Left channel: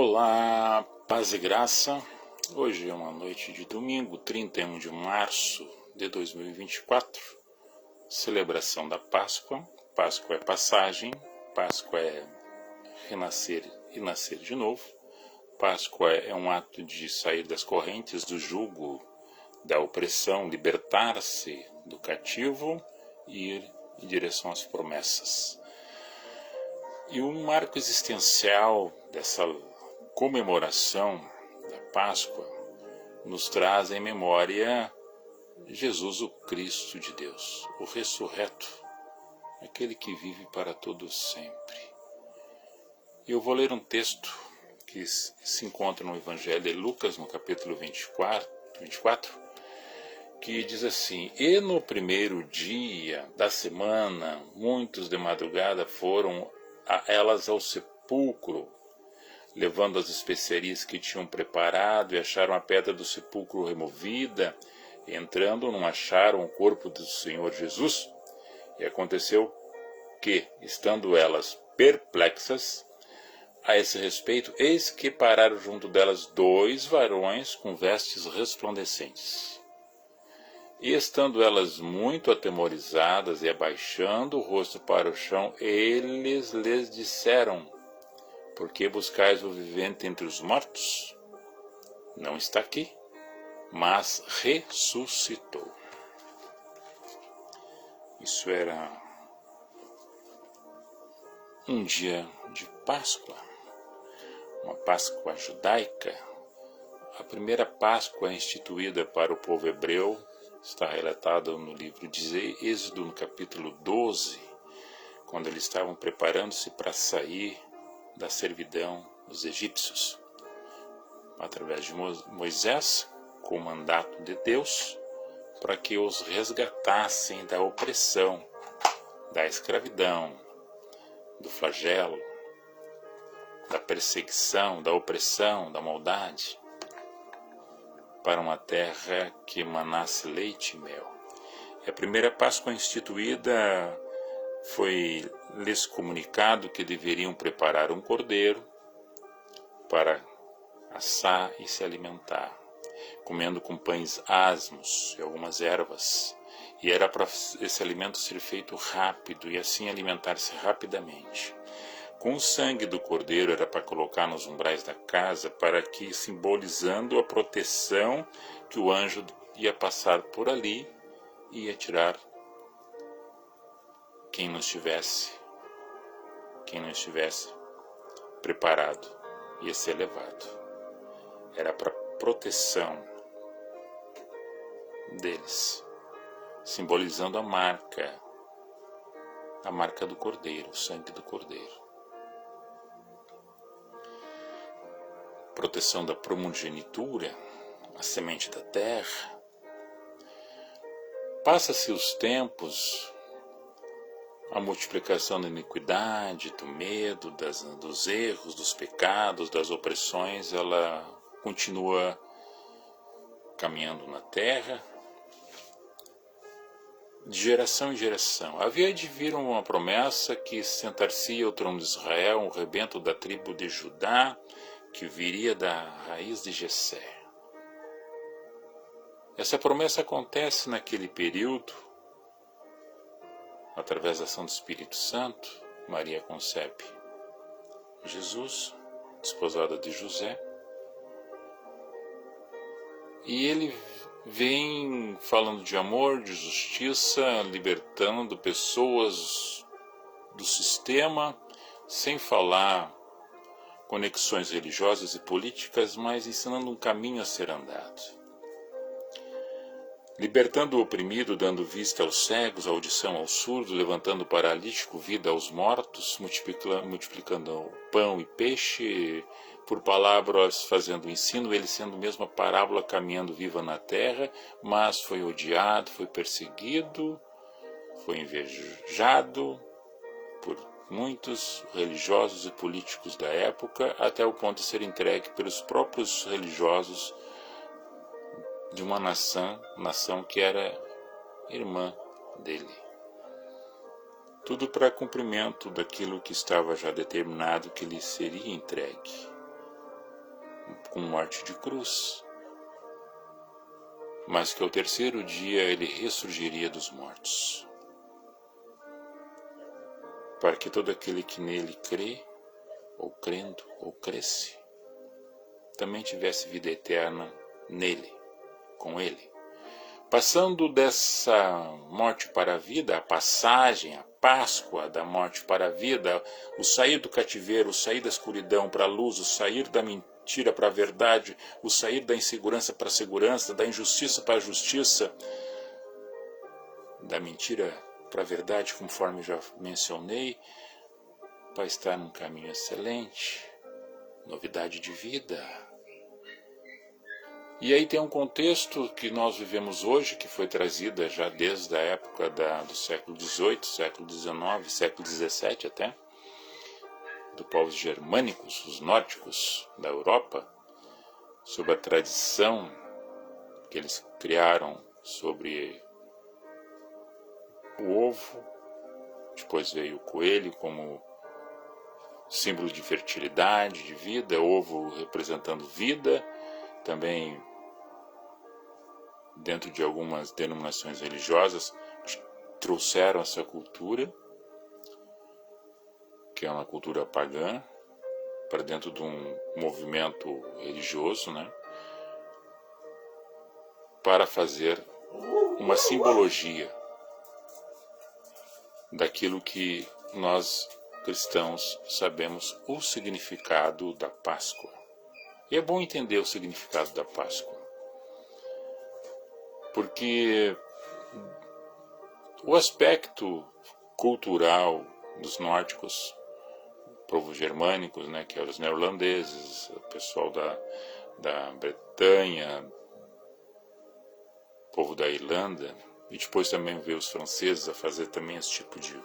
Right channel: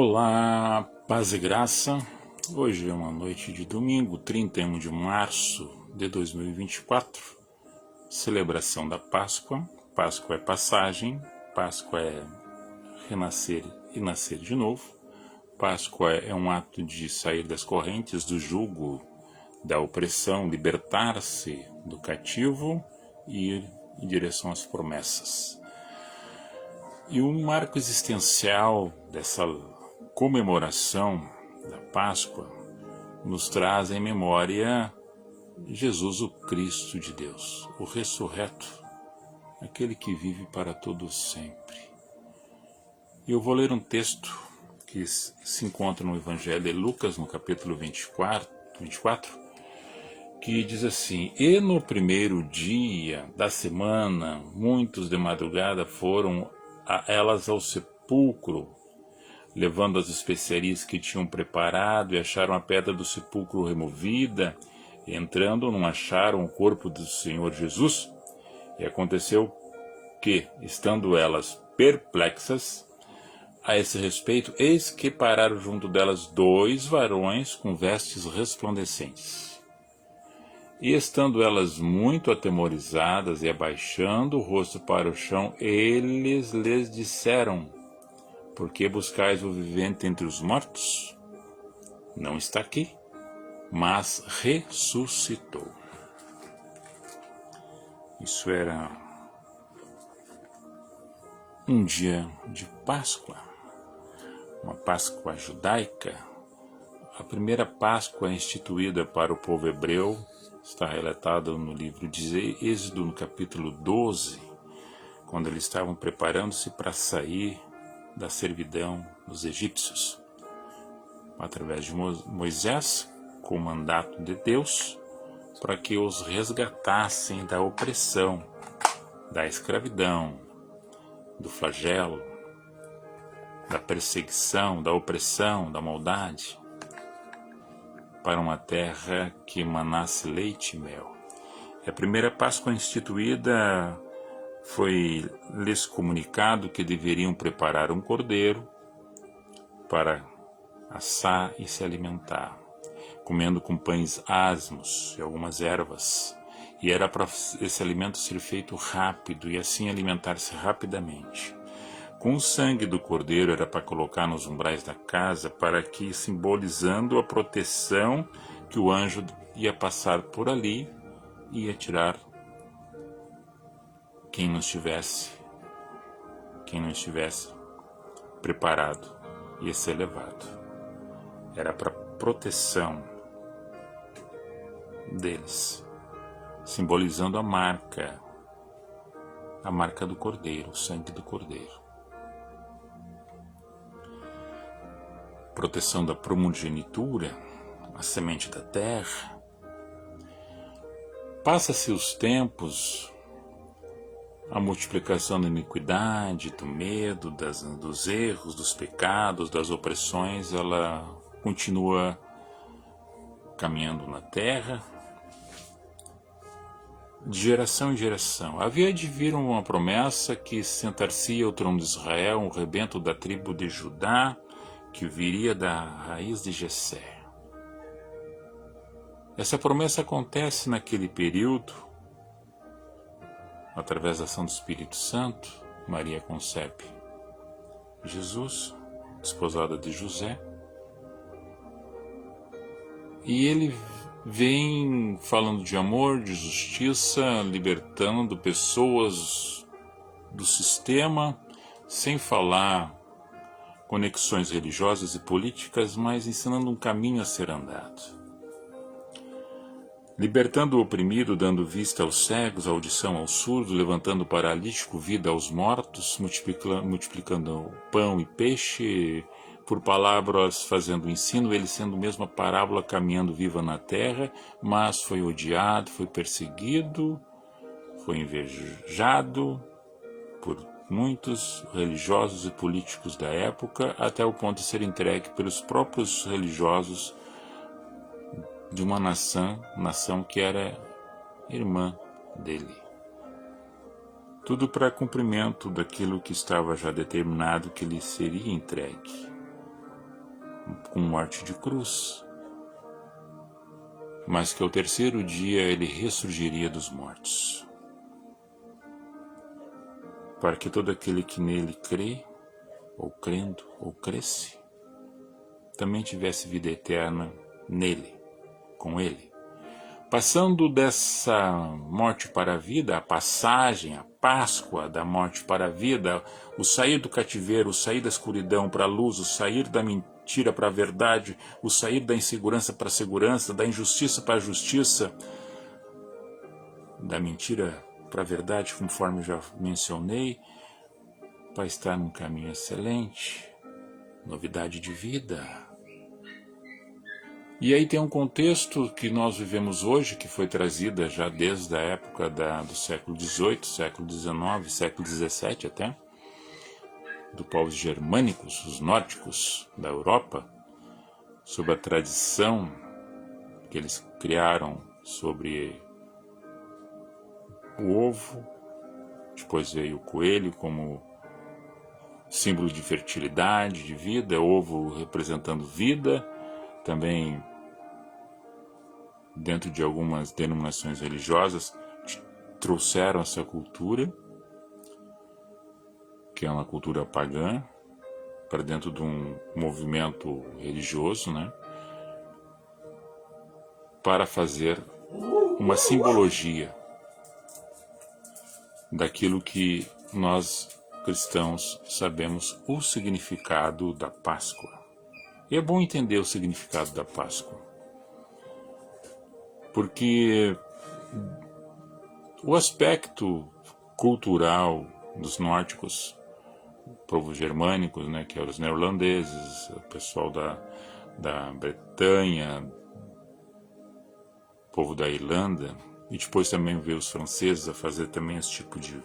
Olá, paz e graça. Hoje é uma noite de domingo, 31 de março de 2024, celebração da Páscoa. Páscoa é passagem, Páscoa é renascer e nascer de novo. Páscoa é um ato de sair das correntes do jugo, da opressão, libertar-se do cativo e ir em direção às promessas. E um marco existencial dessa comemoração da Páscoa nos traz em memória Jesus, o Cristo de Deus, o ressurreto, aquele que vive para todos sempre. Eu vou ler um texto que se encontra no Evangelho de Lucas, no capítulo 24, que diz assim: E no primeiro dia da semana, muitos de madrugada foram a elas ao sepulcro, levando as especiarias que tinham preparado, e acharam a pedra do sepulcro removida. E entrando, não acharam o corpo do Senhor Jesus. E aconteceu que, estando elas perplexas a esse respeito, eis que pararam junto delas 2 varões com vestes resplandecentes. E estando elas muito atemorizadas e abaixando o rosto para o chão, eles lhes disseram: Por que buscais o vivente entre os mortos? Não está aqui, mas ressuscitou. Isso era um dia de Páscoa, uma Páscoa judaica. A primeira Páscoa instituída para o povo hebreu está relatada no livro de Êxodo, no capítulo 12, quando eles estavam preparando-se para sair da servidão dos egípcios, através de Moisés, com o mandato de Deus, para que os resgatassem da opressão, da escravidão, do flagelo, da perseguição, da opressão, da maldade, para uma terra que manasse leite e mel. A primeira Páscoa instituída foi-lhes comunicado que deveriam preparar um cordeiro para assar e se alimentar, comendo com pães asmos e algumas ervas. E era para esse alimento ser feito rápido e assim alimentar-se rapidamente. Com o sangue do cordeiro era para colocar nos umbrais da casa, para que, simbolizando a proteção, que o anjo ia passar por ali e ia tirar quem não estivesse preparado, ia ser levado. Era para proteção deles, simbolizando a marca do cordeiro, o sangue do cordeiro. Proteção da primogenitura, a semente da terra. Passa-se os tempos, a multiplicação da iniquidade, do medo, dos erros, dos pecados, das opressões, ela continua caminhando na terra, de geração em geração. Havia de vir uma promessa que sentar-se ao trono de Israel, um rebento da tribo de Judá, que viria da raiz de Jessé. Essa promessa acontece naquele período, através da ação do Espírito Santo. Maria concebe Jesus, desposada de José, e ele vem falando de amor, de justiça, libertando pessoas do sistema, sem falar conexões religiosas e políticas, mas ensinando um caminho a ser andado. Libertando o oprimido, dando vista aos cegos, audição aos surdos, levantando o paralítico, vida aos mortos, multiplicando pão e peixe, por palavras fazendo o ensino, ele sendo mesmo a parábola caminhando viva na terra, mas foi odiado, foi perseguido, foi invejado por muitos religiosos e políticos da época, até o ponto de ser entregue pelos próprios religiosos de uma nação que era irmã dele. Tudo para cumprimento daquilo que estava já determinado que lhe seria entregue. com morte de cruz, mas que ao terceiro dia ele ressurgiria dos mortos, para que todo aquele que nele crê, ou crendo, ou cresce, também tivesse vida eterna nele, com ele. Passando dessa morte para a vida, a passagem, a Páscoa da morte para a vida, o sair do cativeiro, o sair da escuridão para a luz, o sair da mentira para a verdade, o sair da insegurança para a segurança, da injustiça para a justiça, da mentira para a verdade, conforme já mencionei, para estar num caminho excelente, novidade de vida. E aí tem um contexto que nós vivemos hoje, que foi trazida já desde a época do século XVIII, século XIX, século XVII até, dos povos germânicos, os nórdicos da Europa, sobre a tradição que eles criaram sobre o ovo. Depois veio o coelho como símbolo de fertilidade, de vida, ovo representando vida. Também, dentro de algumas denominações religiosas, trouxeram essa cultura, que é uma cultura pagã, para dentro de um movimento religioso, né? Para fazer uma simbologia daquilo que nós cristãos sabemos o significado da Páscoa. E é bom entender o significado da Páscoa, porque o aspecto cultural dos nórdicos, povos germânicos, né, que eram os neerlandeses, o pessoal da Bretanha, o povo da Irlanda, e depois também veio os franceses a fazer também esse tipo de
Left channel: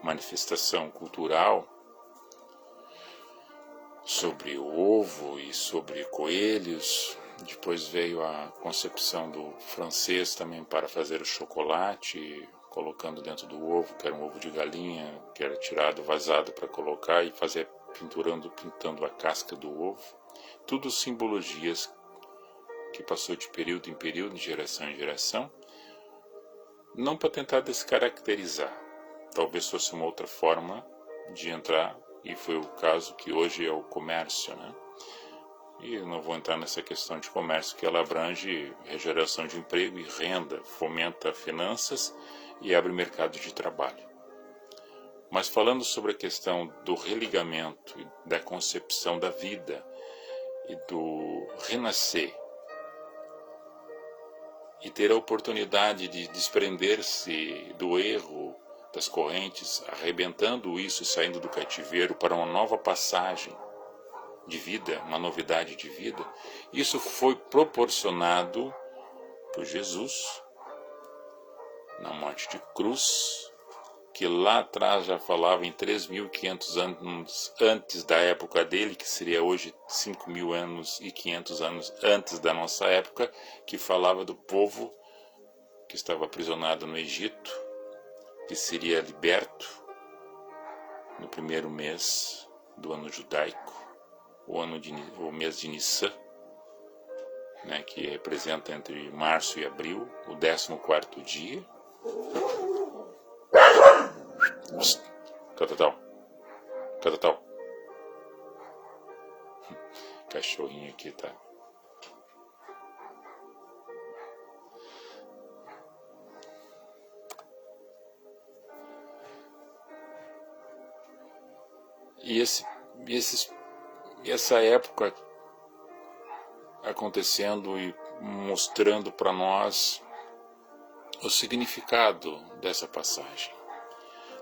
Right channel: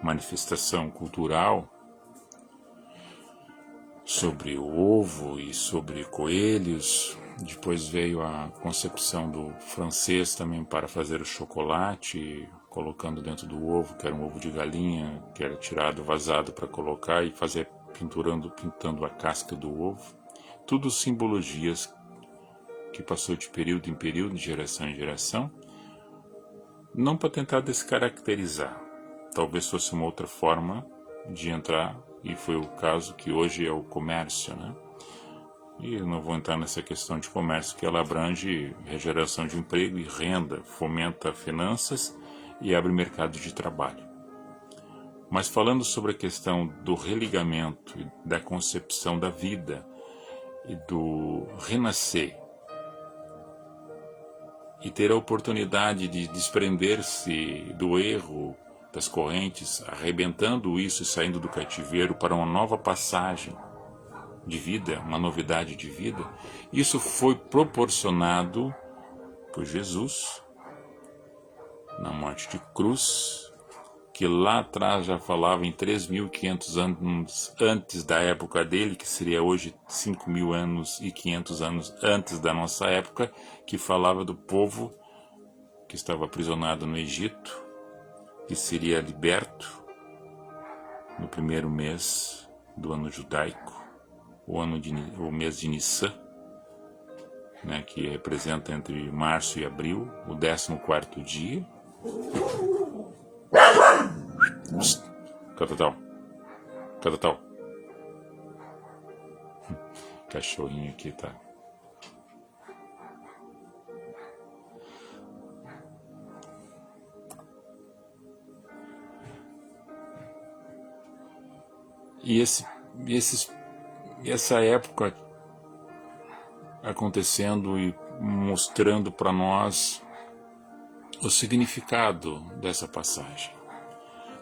manifestação cultural sobre o ovo e sobre coelhos. Depois veio a concepção do francês também para fazer o chocolate, colocando dentro do ovo, que era um ovo de galinha, que era tirado, vazado para colocar e fazer pintando a casca do ovo. Tudo simbologias que passou de período em período, de geração em geração, não para tentar descaracterizar. Talvez fosse uma outra forma de entrar, e foi o caso que hoje é o comércio, né? E eu não vou entrar nessa questão de comércio, que ela abrange geração de emprego e renda, fomenta finanças e abre mercado de trabalho. Mas falando sobre a questão do religamento, da concepção da vida e do renascer, e ter a oportunidade de desprender-se do erro, das correntes, arrebentando isso e saindo do cativeiro para uma nova passagem de vida, uma novidade de vida, isso foi proporcionado por Jesus na morte de cruz, que lá atrás já falava em 3.500 anos antes da época dele, que seria hoje 5.500 anos antes da nossa época, que falava do povo que estava aprisionado no Egito, que seria liberto no primeiro mês do ano judaico, o mês de Nissan, né, que representa entre março e abril, o 14º dia. Tal. Cachorrinho aqui tá. E essa época acontecendo e mostrando para nós o significado dessa passagem.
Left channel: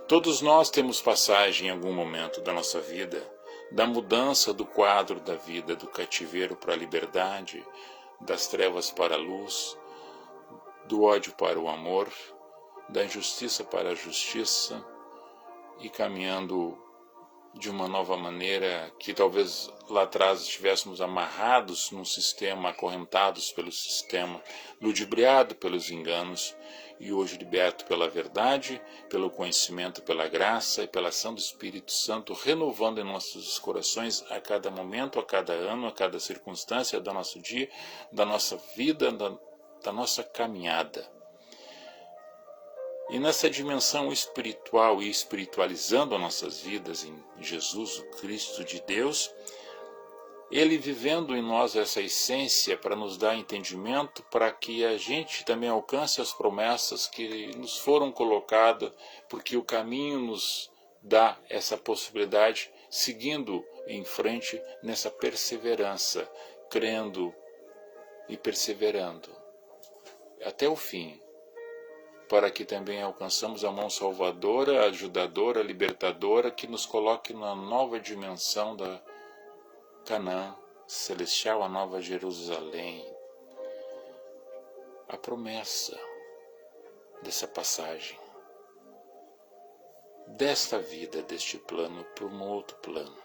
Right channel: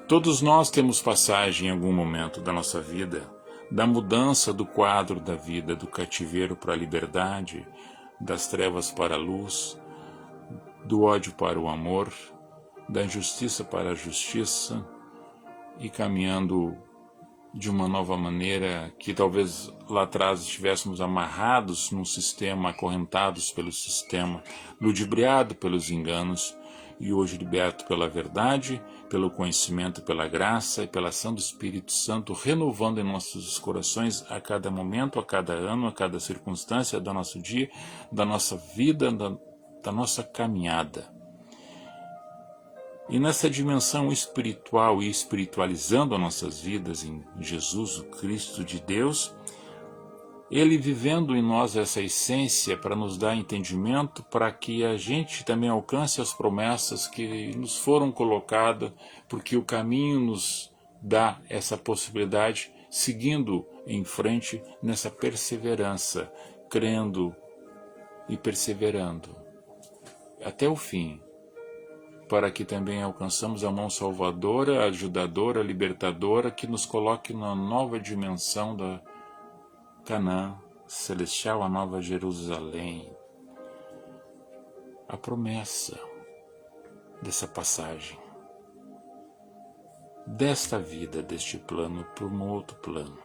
Todos nós temos passagem em algum momento da nossa vida, da mudança do quadro da vida, do cativeiro para a liberdade, das trevas para a luz, do ódio para o amor, da injustiça para a justiça, e caminhando de uma nova maneira que talvez lá atrás estivéssemos amarrados num sistema, acorrentados pelo sistema, ludibriados pelos enganos, e hoje liberto pela verdade, pelo conhecimento, pela graça e pela ação do Espírito Santo, renovando em nossos corações a cada momento, a cada ano, a cada circunstância do nosso dia, da nossa vida, da nossa caminhada. E nessa dimensão espiritual e espiritualizando as nossas vidas em Jesus, o Cristo de Deus, Ele vivendo em nós essa essência para nos dar entendimento, para que a gente também alcance as promessas que nos foram colocadas, porque o caminho nos dá essa possibilidade, seguindo em frente nessa perseverança, crendo e perseverando até o fim, para que também alcançamos a mão salvadora, ajudadora, libertadora, que nos coloque na nova dimensão da Canaã celestial, a nova Jerusalém. A promessa dessa passagem, desta vida, deste plano, por um outro plano.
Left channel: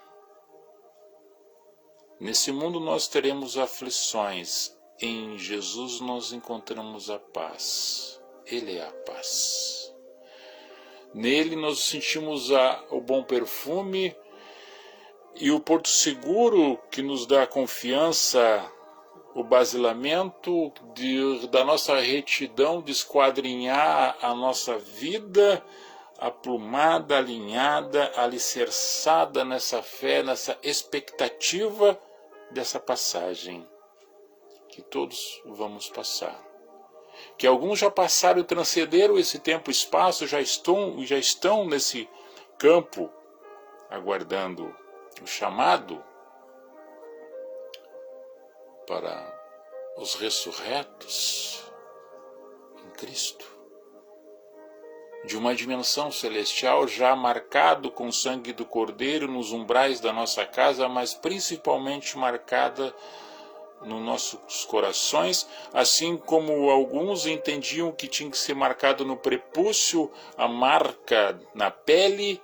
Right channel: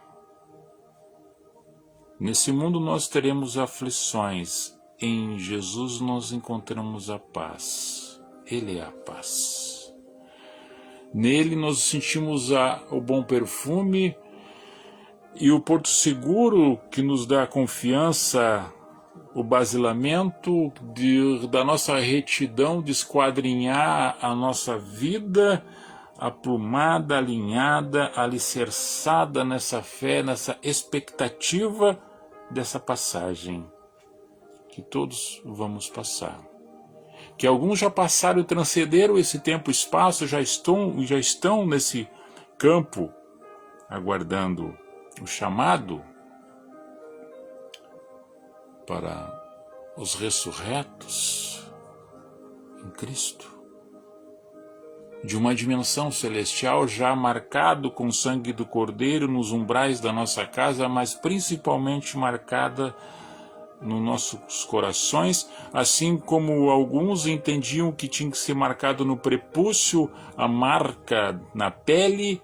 Nesse mundo nós teremos aflições, em Jesus nós encontramos a paz. Ele é a paz. Nele nós sentimos o bom perfume e o porto seguro que nos dá a confiança, o basilamento da nossa retidão de esquadrinhar a nossa vida aprumada, alinhada, alicerçada nessa fé, nessa expectativa dessa passagem que todos vamos passar. Que alguns já passaram e transcenderam esse tempo e espaço, já estão nesse campo, aguardando o chamado para os ressurretos em Cristo, de uma dimensão celestial já marcado com o sangue do Cordeiro nos umbrais da nossa casa, mas principalmente marcada nos nossos corações, assim como alguns entendiam que tinha que ser marcado no prepúcio, a marca na pele,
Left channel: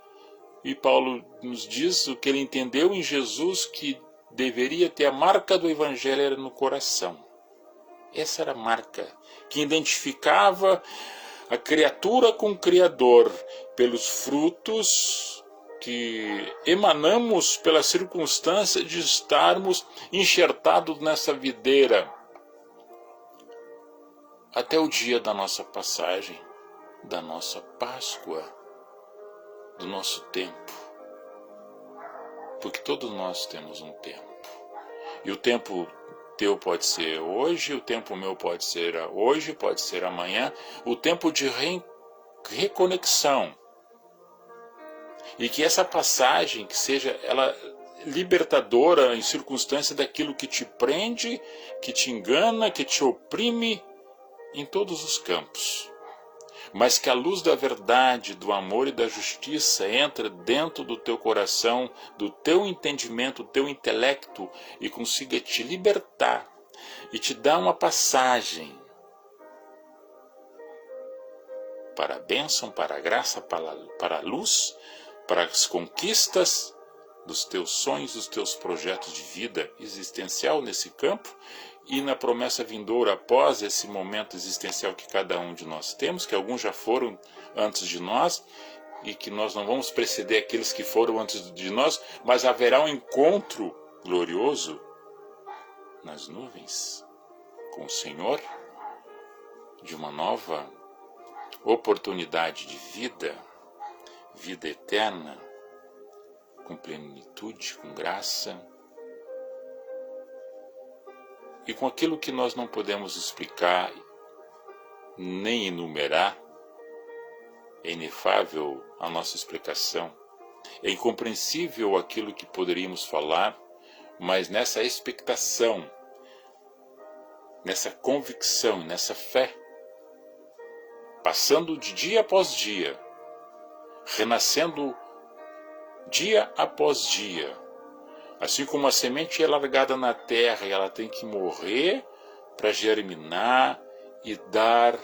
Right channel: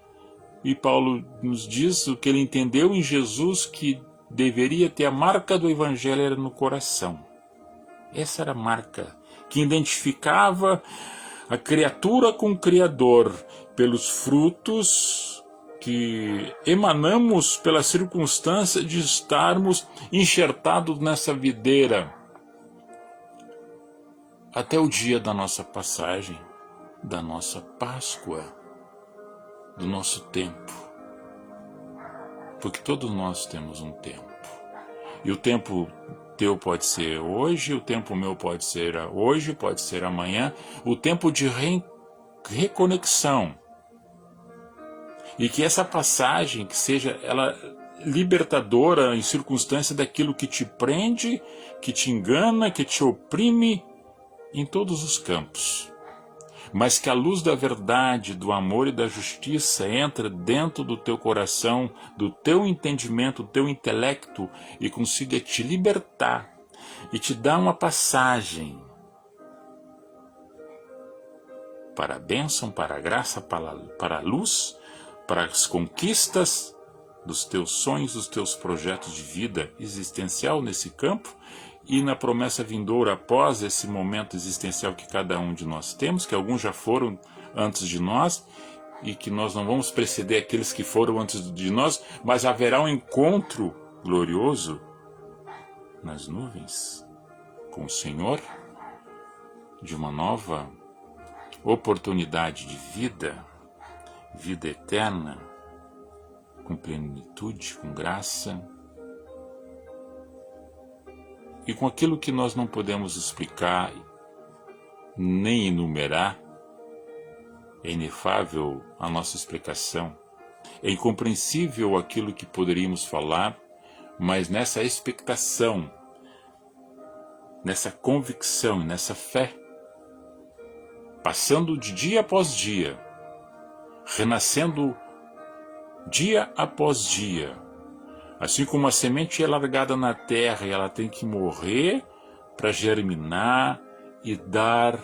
e Paulo nos diz o que ele entendeu em Jesus, que deveria ter a marca do Evangelho era no coração. Essa era a marca que identificava a criatura com o Criador, pelos frutos que emanamos pela circunstância de estarmos enxertados nessa videira até o dia da nossa passagem, da nossa Páscoa, do nosso tempo. Porque todos nós temos um tempo. E o tempo teu pode ser hoje, o tempo meu pode ser hoje, pode ser amanhã, o tempo de reconexão. E que essa passagem, que seja ela libertadora em circunstância daquilo que te prende, que te engana, que te oprime em todos os campos. Mas que a luz da verdade, do amor e da justiça entra dentro do teu coração, do teu entendimento, do teu intelecto e consiga te libertar e te dar uma passagem para a bênção, para a graça, para a luz, para as conquistas dos teus sonhos, dos teus projetos de vida existencial nesse campo e na promessa vindoura após esse momento existencial que cada um de nós temos, que alguns já foram antes de nós e que nós não vamos preceder aqueles que foram antes de nós, mas haverá um encontro glorioso nas nuvens com o Senhor, de uma nova oportunidade de vida, vida eterna, com plenitude, com graça, e com aquilo que nós não podemos explicar nem enumerar. É inefável a nossa explicação, é incompreensível aquilo que poderíamos falar, mas nessa expectação, nessa convicção, nessa fé, passando de dia após dia, renascendo dia após dia. Assim como a semente é largada na terra e ela tem que morrer para germinar e dar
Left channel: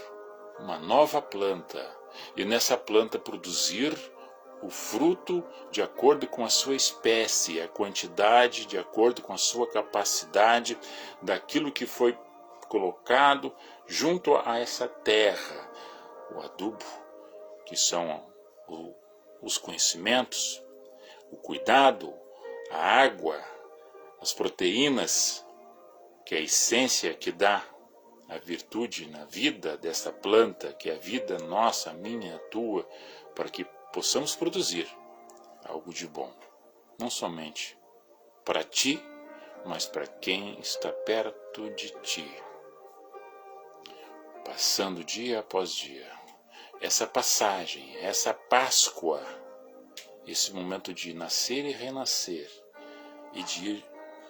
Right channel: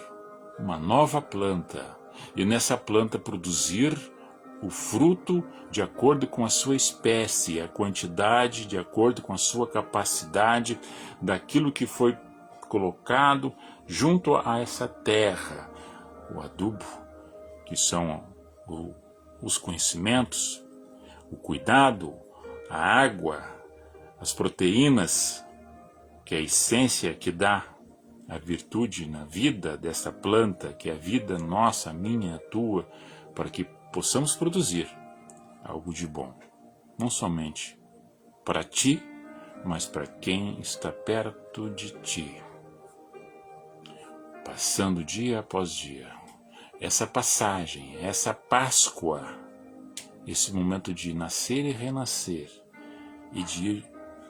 uma nova planta. E nessa planta produzir o fruto de acordo com a sua espécie, a quantidade de acordo com a sua capacidade daquilo que foi colocado junto a essa terra. o adubo, que são os conhecimentos, o cuidado, a água, as proteínas, que é a essência que dá a virtude na vida dessa planta, que é a vida nossa, minha, tua, para que possamos produzir algo de bom, não somente para ti, mas para quem está perto de ti. Passando dia após dia, essa passagem, essa Páscoa, esse momento de nascer e renascer, e de ir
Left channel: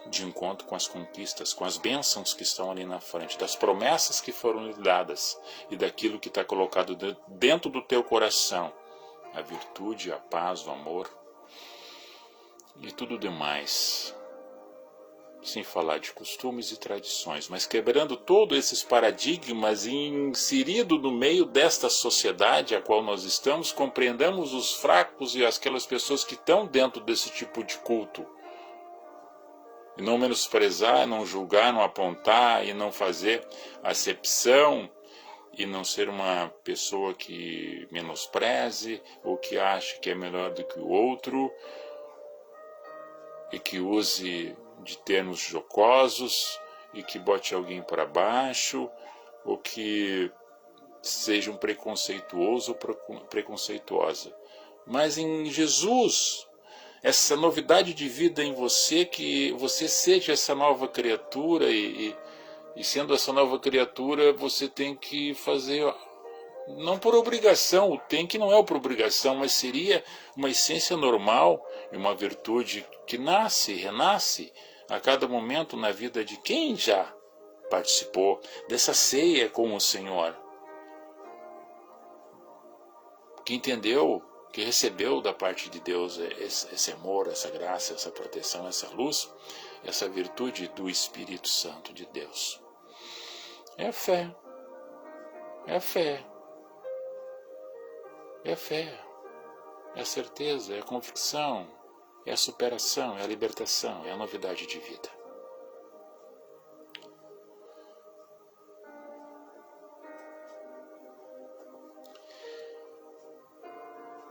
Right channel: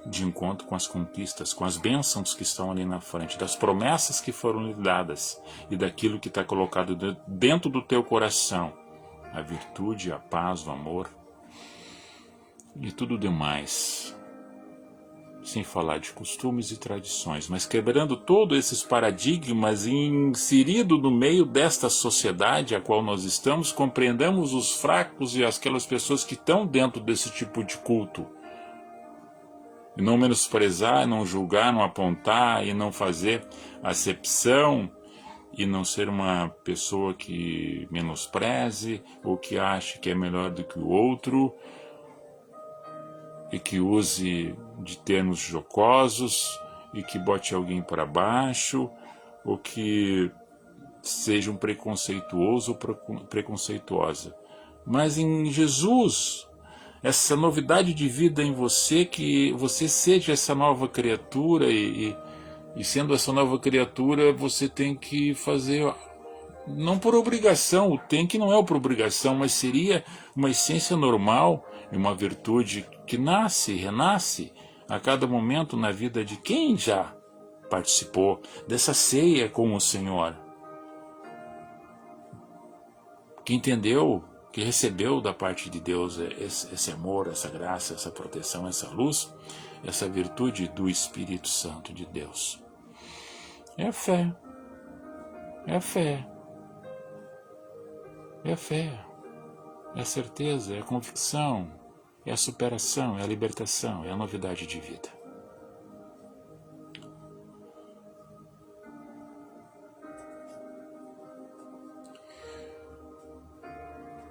de encontro com as conquistas, com as bênçãos que estão ali na frente, das promessas que foram lhe dadas e daquilo que está colocado dentro do teu coração, a virtude, a paz, o amor e tudo demais, sem falar de costumes e tradições, mas quebrando todos esses paradigmas e inserido no meio desta sociedade a qual nós estamos, compreendamos os fracos e aquelas pessoas que estão dentro desse tipo de culto. E não menosprezar, não julgar, não apontar e não fazer acepção e não ser uma pessoa que menospreze ou que ache que é melhor do que o outro e que use de termos jocosos e que bote alguém para baixo ou que seja um preconceituoso ou preconceituosa. Mas em Jesus, essa novidade de vida em você, que você seja essa nova criatura e sendo essa nova criatura você tem que fazer, não por obrigação, o tem que não é por obrigação, mas seria uma essência normal e uma virtude que nasce e renasce a cada momento na vida de quem já participou dessa ceia com o Senhor, que entendeu, que recebeu da parte de Deus esse amor, essa graça, essa proteção, essa luz, essa virtude do Espírito Santo de Deus. É fé, é fé, é fé, é certeza, é convicção, é superação, é libertação, é novidade de vida.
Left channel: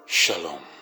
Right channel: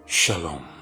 Shalom.